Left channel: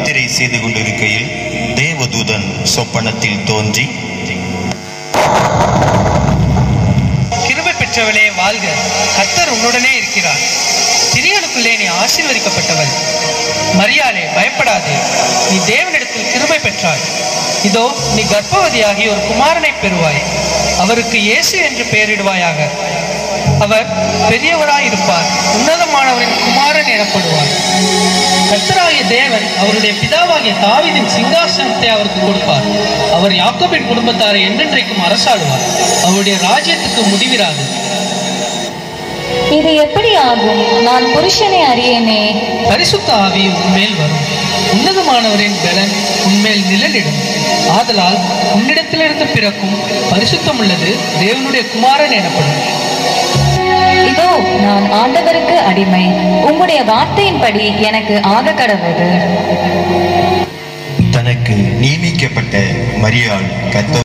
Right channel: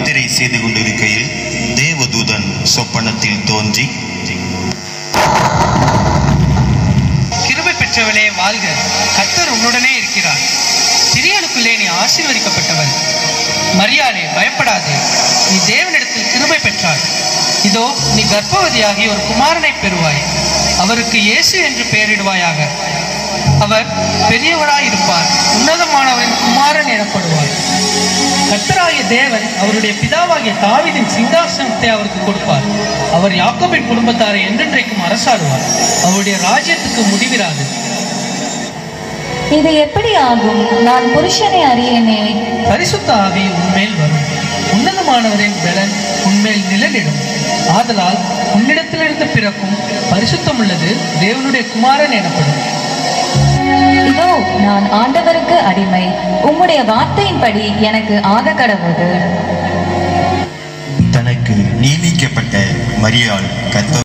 யாத்திரை செய்து கொண்டிருக்கையில் தேவதூதன் சொப்பனத்தில் தோன்றி, கிருபை பெற்றவளே வாழ்க, கர்த்தர் உன்னுடனே இருக்கிறார். ஸ்திரீகளுக்குள்ளே நீ ஆசீர்வதிக்கப்பட்டவள். மரியாளே பயப்படாதே, நீ தேவனிடத்தில் கிருபை பெற்றாய். இதோ நீ கர்ப்பவதியாகி ஒரு குமாரனை பெறுவாய். அவருக்கு இயேசு என்று பெயரிடுவாயாக. அவர் பெரியவராயிருப்பார், உன்னதமானவரின் குமாரன் எனப்படுவார். கர்த்தராகிய தேவன் அவருடைய பிதாவாகிய தாவீதின் சிங்காசனத்தை அவருக்கு கொடுப்பார். அவர் யாக்கோபின் குடும்பத்தாரை என்றென்றைக்கும் அரசாடுவார். அவருடைய ராஜ்யத்துக்கு முடிவிராது. இது எப்படி ஆகும்? நான் புருஷனை அறியேனே. பரிசுத்த ஆவி உன்மேல் வரும், உன்னதமானவரின் பலன் உன்மேல் நிழலிடும். ஆதலால் உன்னிடத்திலிருந்து பிறக்கும் பரிசுத்தம் உள்ளது தேவனுடைய குமாரன் எனப்படும். இதோ நான் ஆண்டவருக்கு அடிமை, உம்முடைய வார்த்தையின்படி எனக்கு ஆக கடவுது. தனக்கு நியமிக்கப்பட்ட மரியாள் கர்த்தர்